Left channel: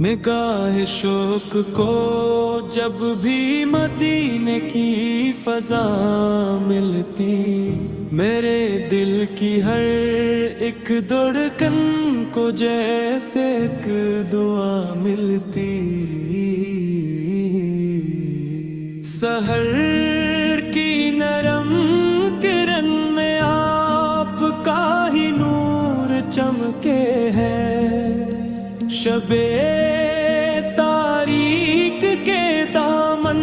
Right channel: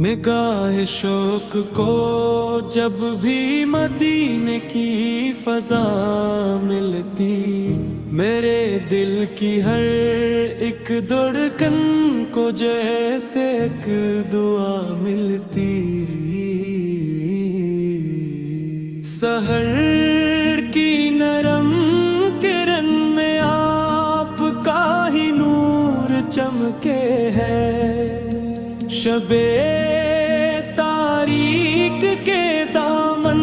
نگاہ شوق کو جب بھی مدینے کی فضا ملتی، میرے دل کی ہر ایک دھڑکن کو جیسے ایک دعا ملتی۔ سحر کی نرم کرن میں آپ کا ہی نور چمکے ہے، شب تاریک کے دامن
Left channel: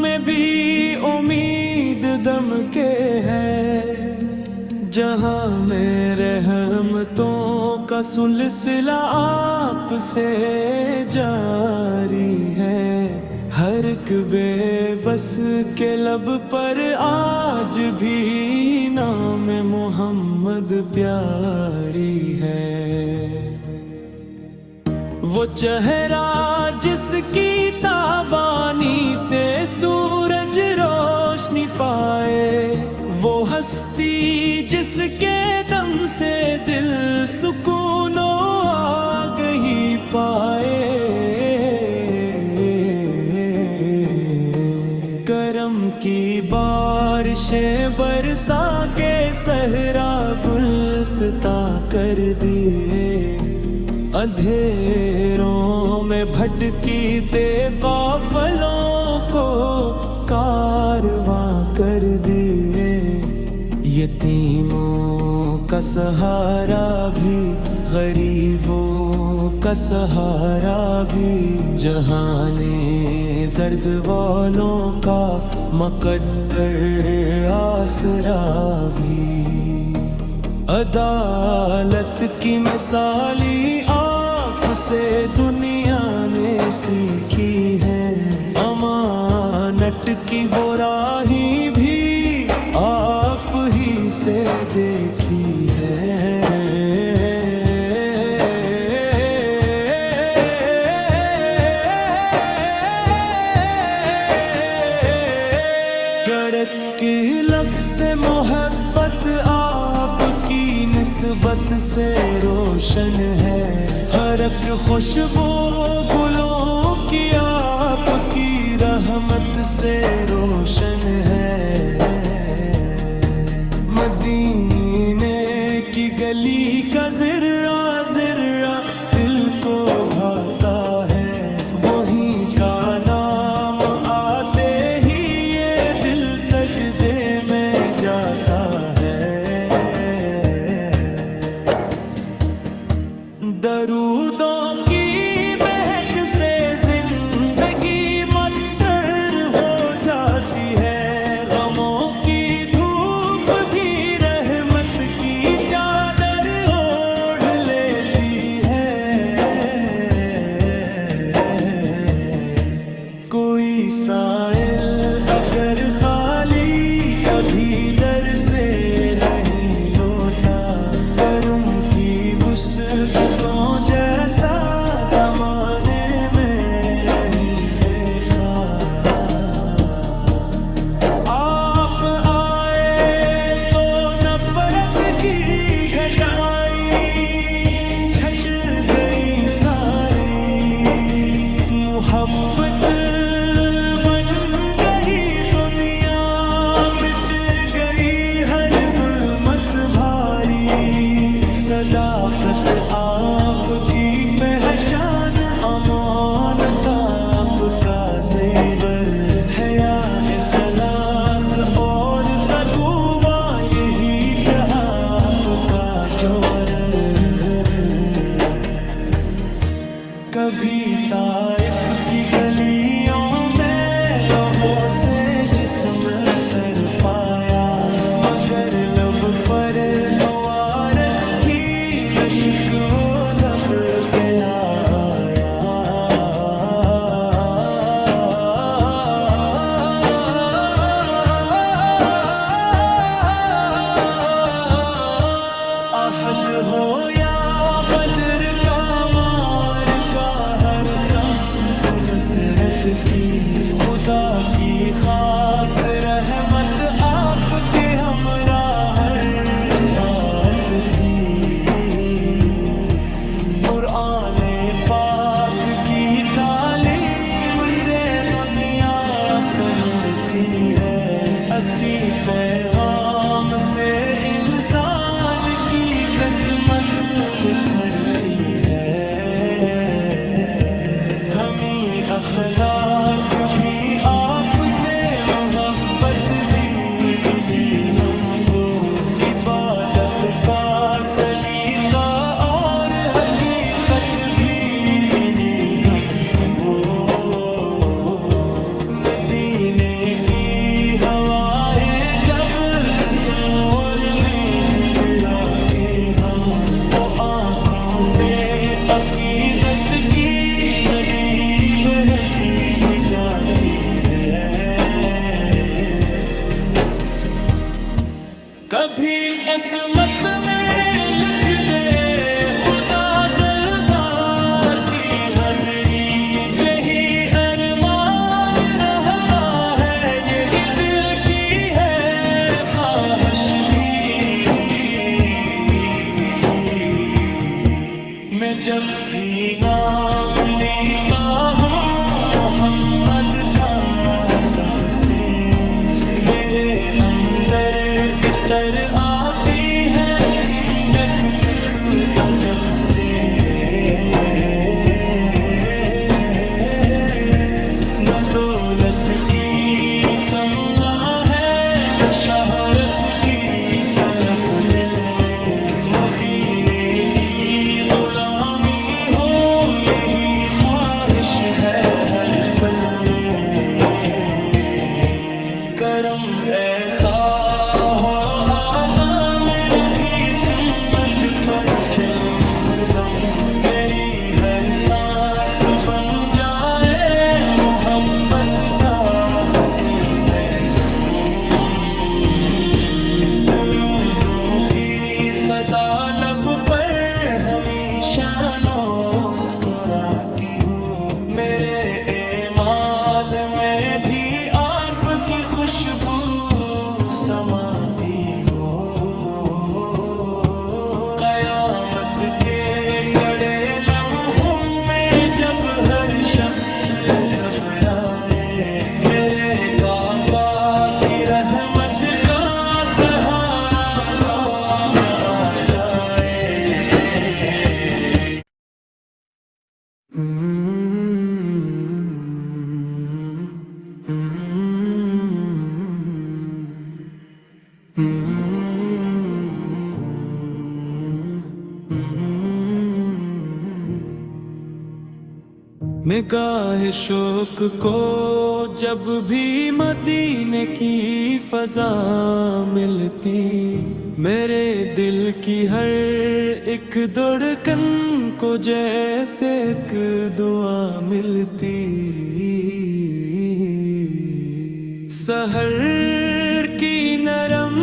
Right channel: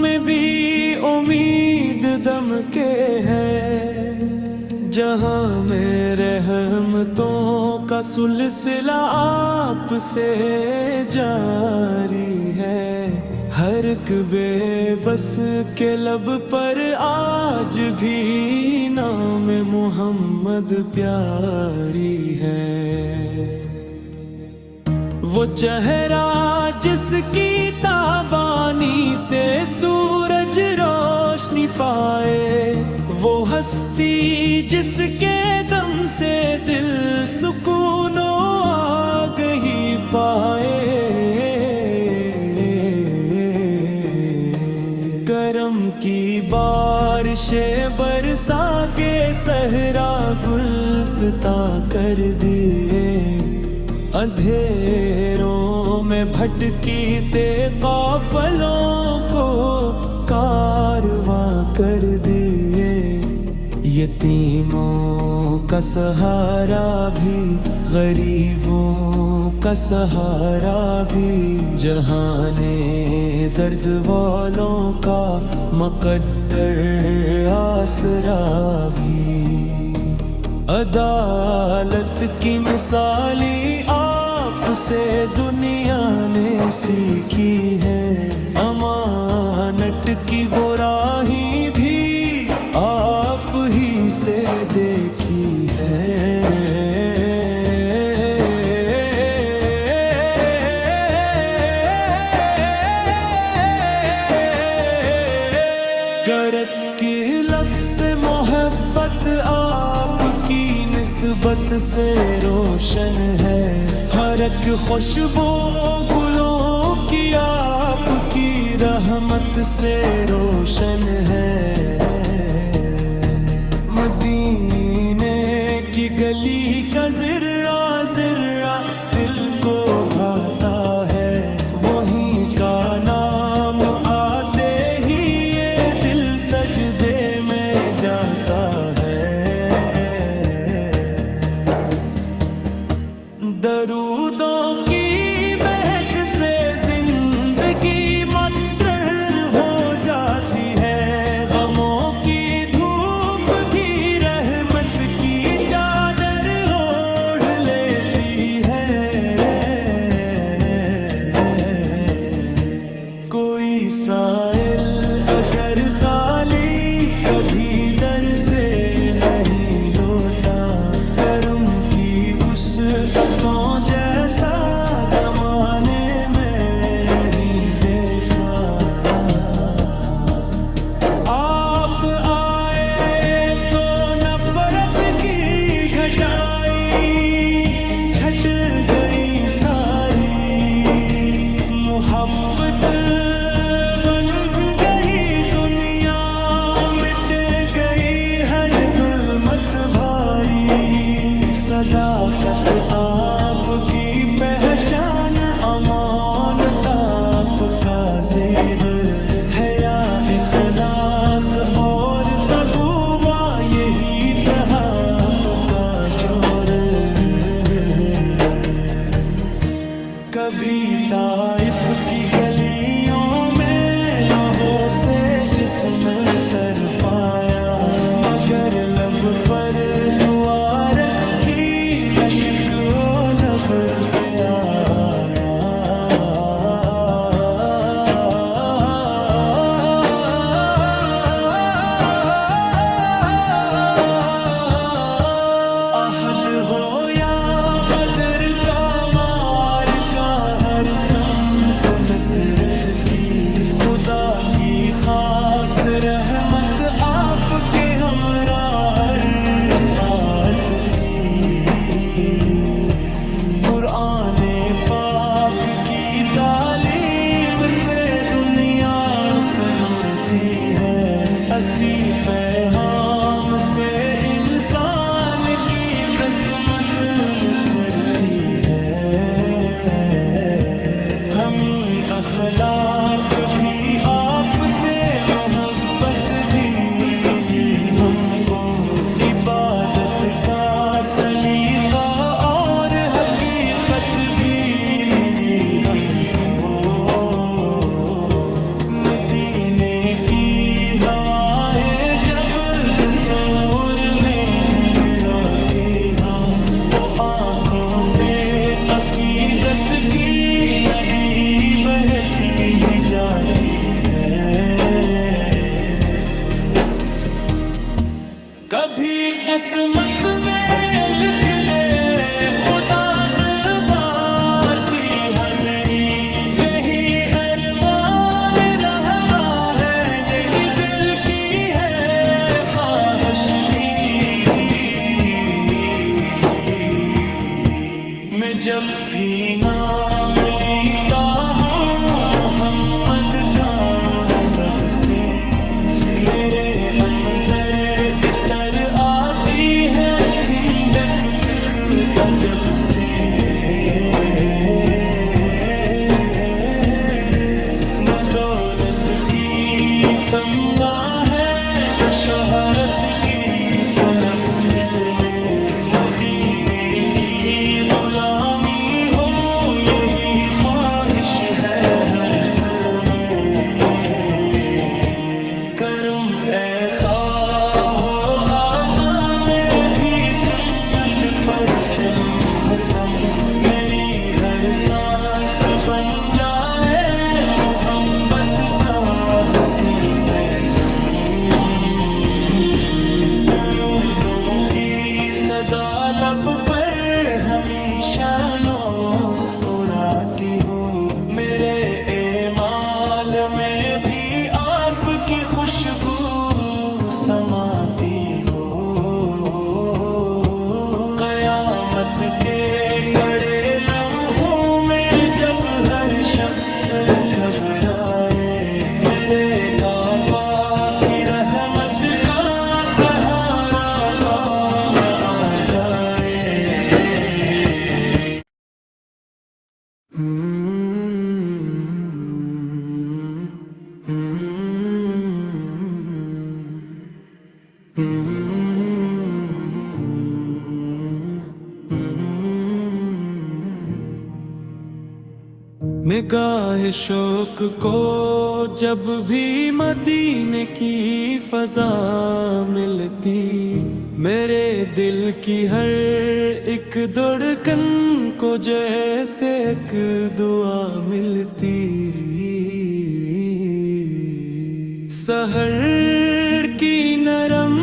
میں بھی امید دم کے ہے، جہاں میں رحمتوں کا سلسلہ آپ سے جاری ہے، ہر ایک بے بس کے لب پر آج بھی نام محمد پیاری ہے۔ وہ چہرہ جس کی تابانی سے سورج روشنی پائے، وہ ہستی جس کے دم سے دل سکون و آگہی پائے، کرم کی بارشیں برسا کے صحرا گلستاں کر دیے، اندھیروں میں بھٹکتے قافلوں کو کارواں کر دیے، یتیموں کا سہارا بھی غریبوں کا سہارا بھی، جہان درد والوں کا مقدر آسرا بھی، عدالت کی مثالی آپ سے دنیا نے سیکھی ہے، امانت کی وہ راہیں بھی آپ ہی سے دیکھی ہے۔ گرک کی لفظ محبت آپ کی نسبت سے روشن ہے، ہر ایک خوشبو گلوں کی آپ کی رحمت سے روشن ہے، مدینے کی گلی کا ذرہ ذرہ دل کو بھاتا ہے، وہی کا نام آتے ہی یہ دل سجدے میں جاتا ہے، درودوں کی مہک سے زندگی مطر ہو جاتی ہے، غموں کی دھوپ بھی رحمت کی چادر اوڑھ لیتی ہے، کوئی سائل اگر خالی کبھی در سے نہیں لوٹا، کرم کی وسعتوں جیسا زمانے میں نہیں دیکھا، آپ آئے تو نفرت کی گھٹائی چھٹ گئی ساری، محبت بن گئی دنیا، مٹ گئی ہر ظلمت بھاری، صداقت آپ کی پہچان، امانت آپ کا زیور، حیا اخلاص اور تقویٰ یہی تھا آپ کا جوہر، کبھی طائف کی گلیوں میں لہو سے جسم تر پایا، مگر لب پر دعا رکھی نشک و لب پہ آیا، عہد ہو یا بدر کا مار سمت نصرت تھی، خدا کی خاص رحمت آپ کے ہمراہ ہر ساتھ تھی۔ قرآن پاک کی تعلیم سے دنیا سنورتی ہے، اسی پیغام سے انسان کی قسمت نکھرتی ہے۔ ہمیں اخلاق بھی آپ سے، محبت بھی ملی ہم کو، عبادت کا سلیقہ اور حقیقت بھی ملی ہم کو۔ مدینے کی ہوائیں جب بسور میں گھنگرا کے ہاں، وہ آنکھوں سے عقیدت کی ندی بہتی ہی جاتی ہے۔ کبھی قسمت میں لکھ دے خدا دعا کی حاضری، یہی ارمان رہتا ہے، یہی دل کی ہے خواہش بھی۔ میں جب بھی نام لیتا ہوں محمد کا ادب سے، میرے اندر عطر آتی ہے ٹھنڈک تک عجب سے۔ نہ دولت کی تمنا ہے، نہ شہرت کی طلب دل میں، مدینے کی غلامی ہو یہی خواہش ہے ہر پل میں۔ کرم ایسا ہو آقا میں بھی سنت پر چلوں ہر دم، میری ہر سانس بن جائے محبت کا حسین سرگم۔ درودوں کی صدا لب پر ہمیشہ مسکراتی ہو، میرے اعمال میں بھی آپ کی خوشبو سماتی ہو۔ قیامت کے کڑے لمحوں میں جب ہر شخص گھبرائے، میرے کعبہ کی رحمت کا سہارا کام آ جائے۔ نگاہ شوق کو جب بھی مدینے کی فضا ملتی، میرے دل کی ہر ایک دھڑکن کو جیسے ایک دعا ملتی۔ سحر کی نرم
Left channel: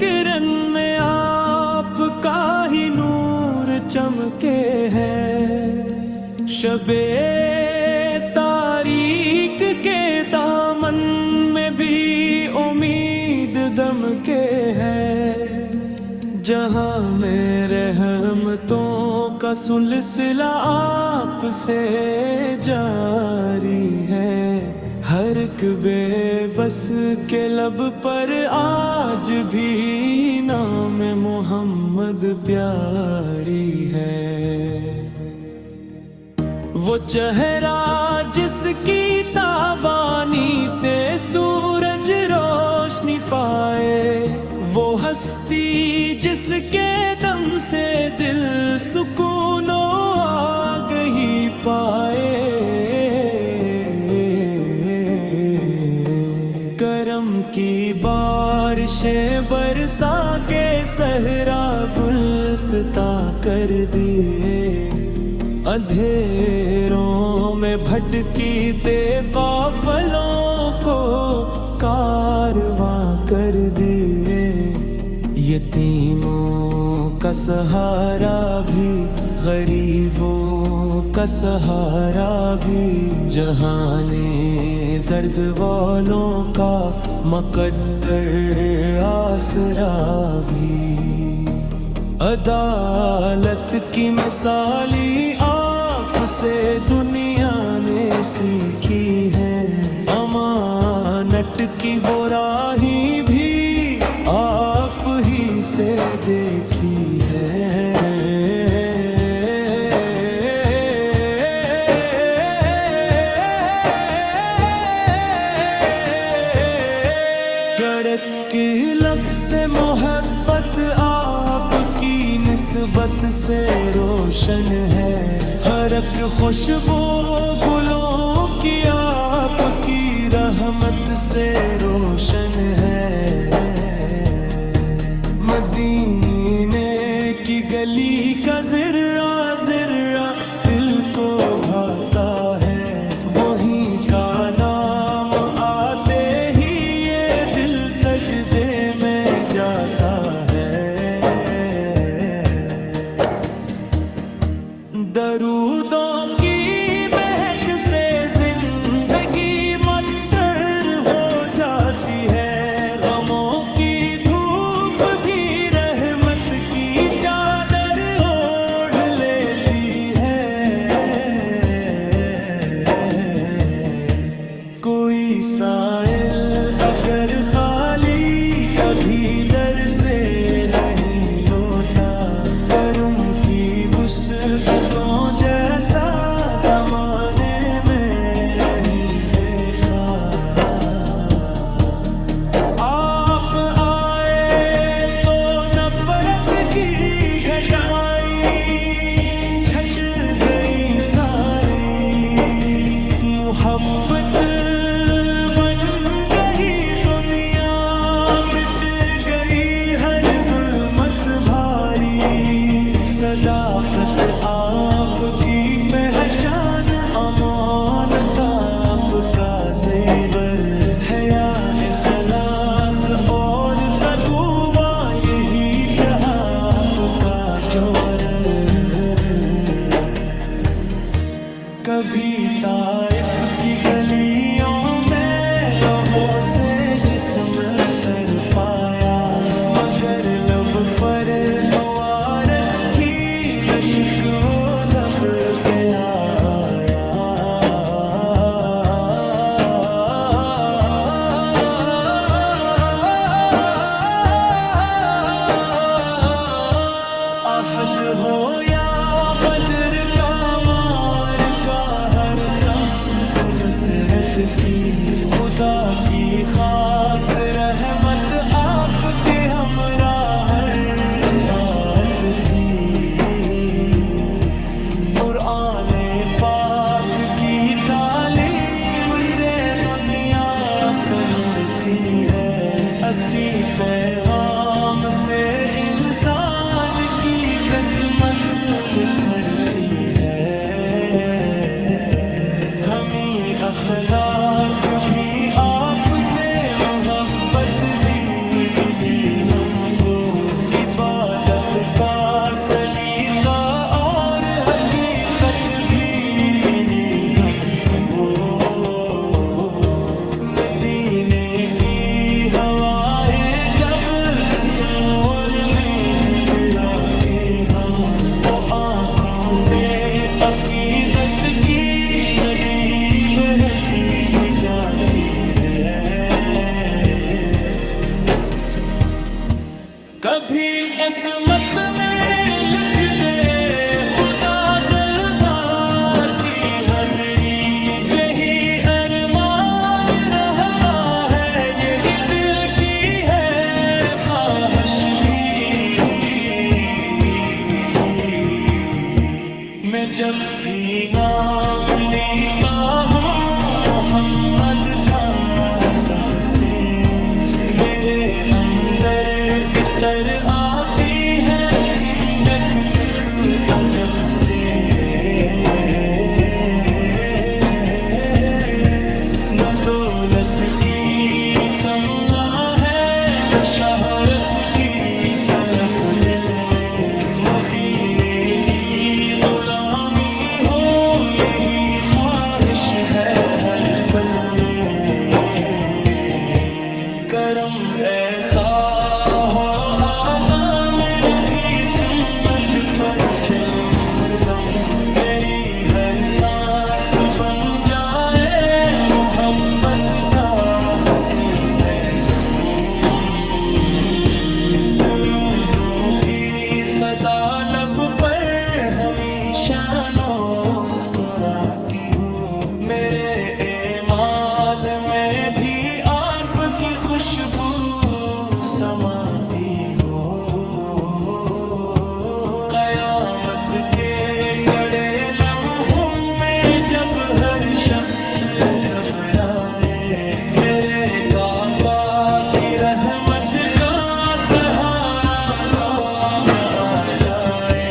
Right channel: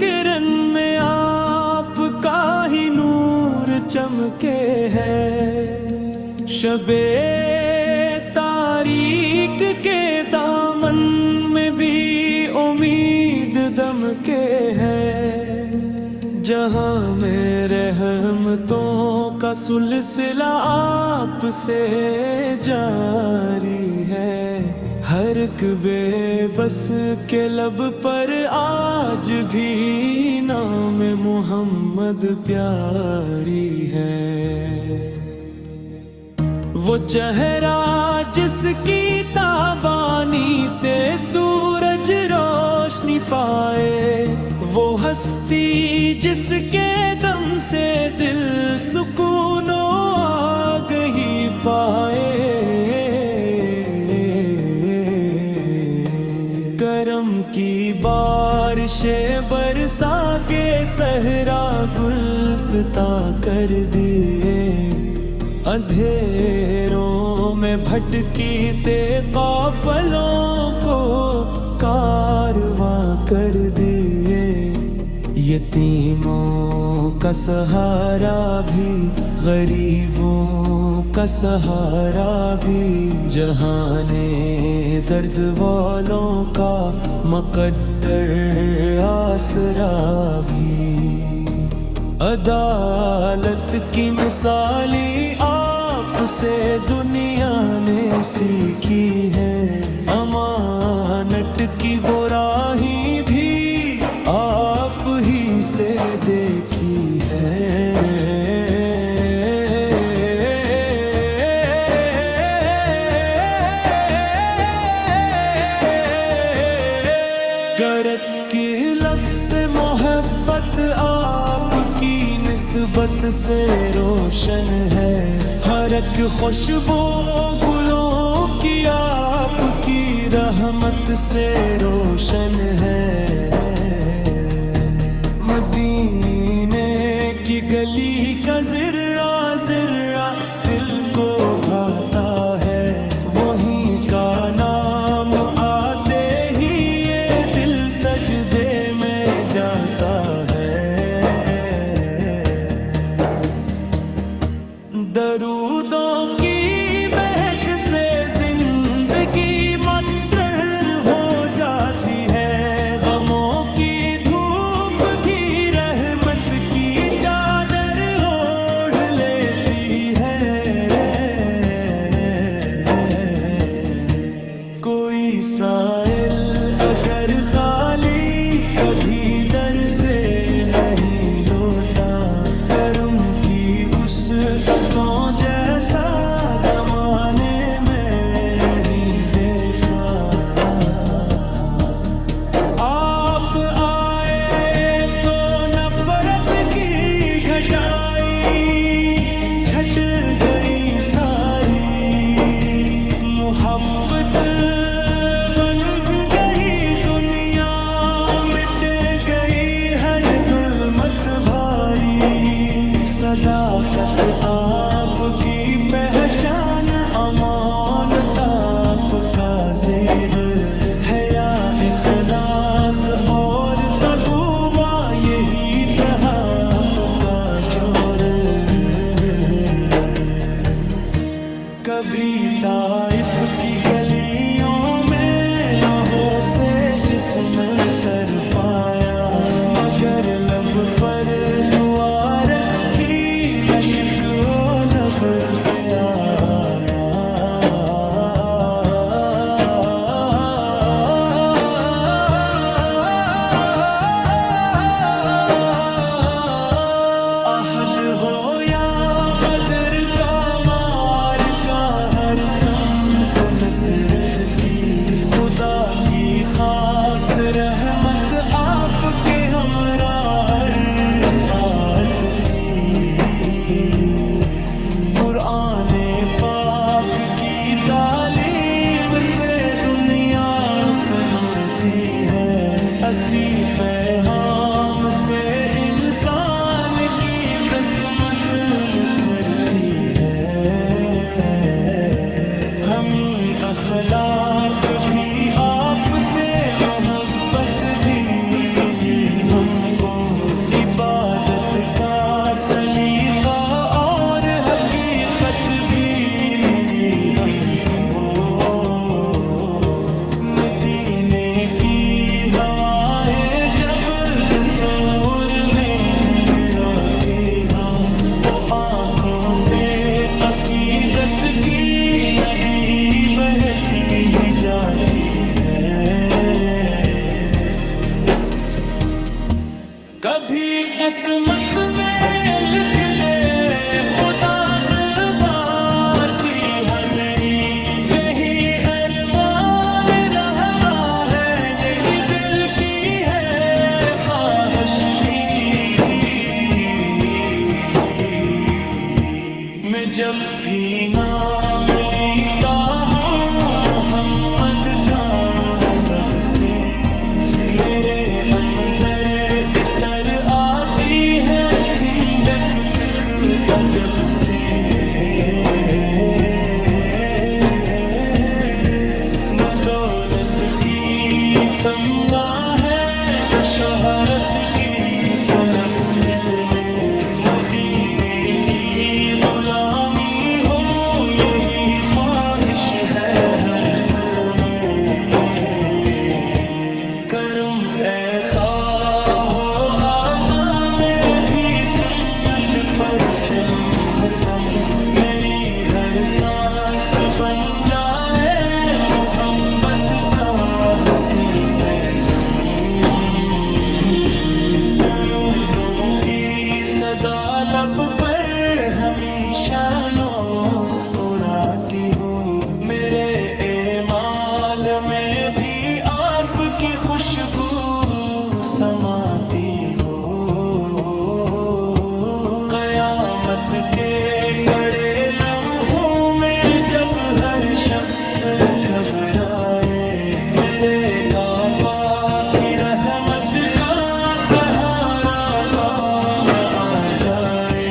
کرن میں آپ کا ہی نور چمکے ہے، شب تاریک کے دامن میں بھی امید دم کے ہے، جہاں میں رحمتوں کا سلسلہ آپ سے جاری ہے، ہر ایک بے بس کے لب پر آج بھی نام محمد پیاری ہے۔ وہ چہرہ جس کی تابانی سے سورج روشنی پائے، وہ ہستی جس کے دم سے دل سکون و آگہی پائے، کرم کی بارشیں برسا کے صحرا گلستاں کر دیے، اندھیروں میں بھٹکتے قافلوں کو کارواں کر دیے، یتیموں کا سہارا بھی، غریبوں کا سہارا بھی، جہان درد والوں کا مقدر آسرا بھی۔ عدالت کی مثالی آپ سے دنیا نے سیکھی ہے، امانت کی وہ راہیں بھی آپ ہی سے دیکھی ہے۔ گرت کی لفظ محبت آپ کی نسبت سے روشن ہے، ہر ایک خوشبو گلوں کی آپ کی رحمت سے روشن ہے۔ مدینے کی گلی کا ذرہ ذرہ دل کو بھاتا ہے، وہی کا نام آتے ہی یہ دل سجدے میں جاتا ہے۔ درودوں کی مہک سے زندگی مطر ہو جاتی ہے، غموں کی دھوپ بھی رحمت کی چادر اوڑھ لیتی ہے۔ کوئی سائل اگر خالی کبھی در سے نہیں لوٹا، کرم کی وسعتوں جیسا زمانے میں نہیں دیکھا۔ آپ آئے تو نفرت کی گھٹائی چھٹ گئی ساری، محبت بن گئی دنیا، مٹ گئی ہر ظلمت بھاری۔ صداقت آپ کی پہچان، امانت آپ کا زیور، حیا اخلاص اور تقویٰ یہی تھا آپ کا جوہر۔ کبھی طائف کی گلیوں میں لہو سے جسم تر پایا، مگر لب پر دعا رکھی نشک و لب پہ آیا۔ عہد ہو یا بدر کا مار کا، ہر سمت نصرت تھی، خدا کی خاص رحمت آپ کے ہمراہ ہر ساتھ تھی۔ قرآن پاک کی تعلیم سے دنیا سنورتی ہے، اسی پیغام سے انسان کی قسمت نکھرتی ہے۔ ہمیں اخلاق بھی آپ سے، محبت بھی ملی ہم کو، عبادت کا سلیقہ اور حقیقت بھی ملی ہم کو۔ مدینے کی ہوائیں جب قصور میں گھنگھرا کے ہاں، وہ آنکھوں سے عقیدت کی ندی بہتی ہی جاتی ہے۔ کبھی قسمت میں لکھ دے خدا دعا کی حاضری، یہی ارمان رہتا ہے، یہی دل کی ہے خواہش بھی۔ میں جب بھی نام لیتا ہوں محمد کا ادب سے، میرے اندر عطر آتی ہے ٹھنڈک تک عجب سے۔ نہ دولت کی تمنا ہے، نہ شہرت کی طلب دل میں، مدینے کی غلامی ہو یہی خواہش ہے ہر پل میں، کرم ایسا ہو آقا میں بھی سنت پر چلوں ہر دم، میری ہر سانس بن جائے محبت کا حسی سرگم، درودوں کی صدا لب پر ہمیشہ مسکراتی ہو، میرے اعمال میں بھی آپ کی خوشبو سماتی ہو، قیامت کے کڑے لمحوں میں جب ہر شخص گھبرائے، میرے کعبہ کی رحمت کا سہارا کام آ جائے۔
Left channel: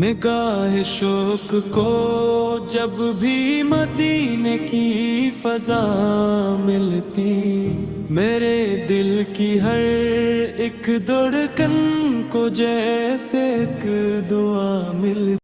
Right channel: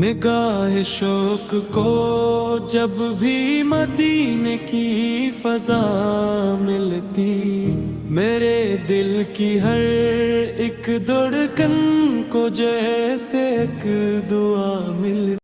نگاہ شوق کو جب بھی مدینے کی فضا ملتی، میرے دل کی ہر ایک دھڑکن کو جیسے ایک دعا ملتی۔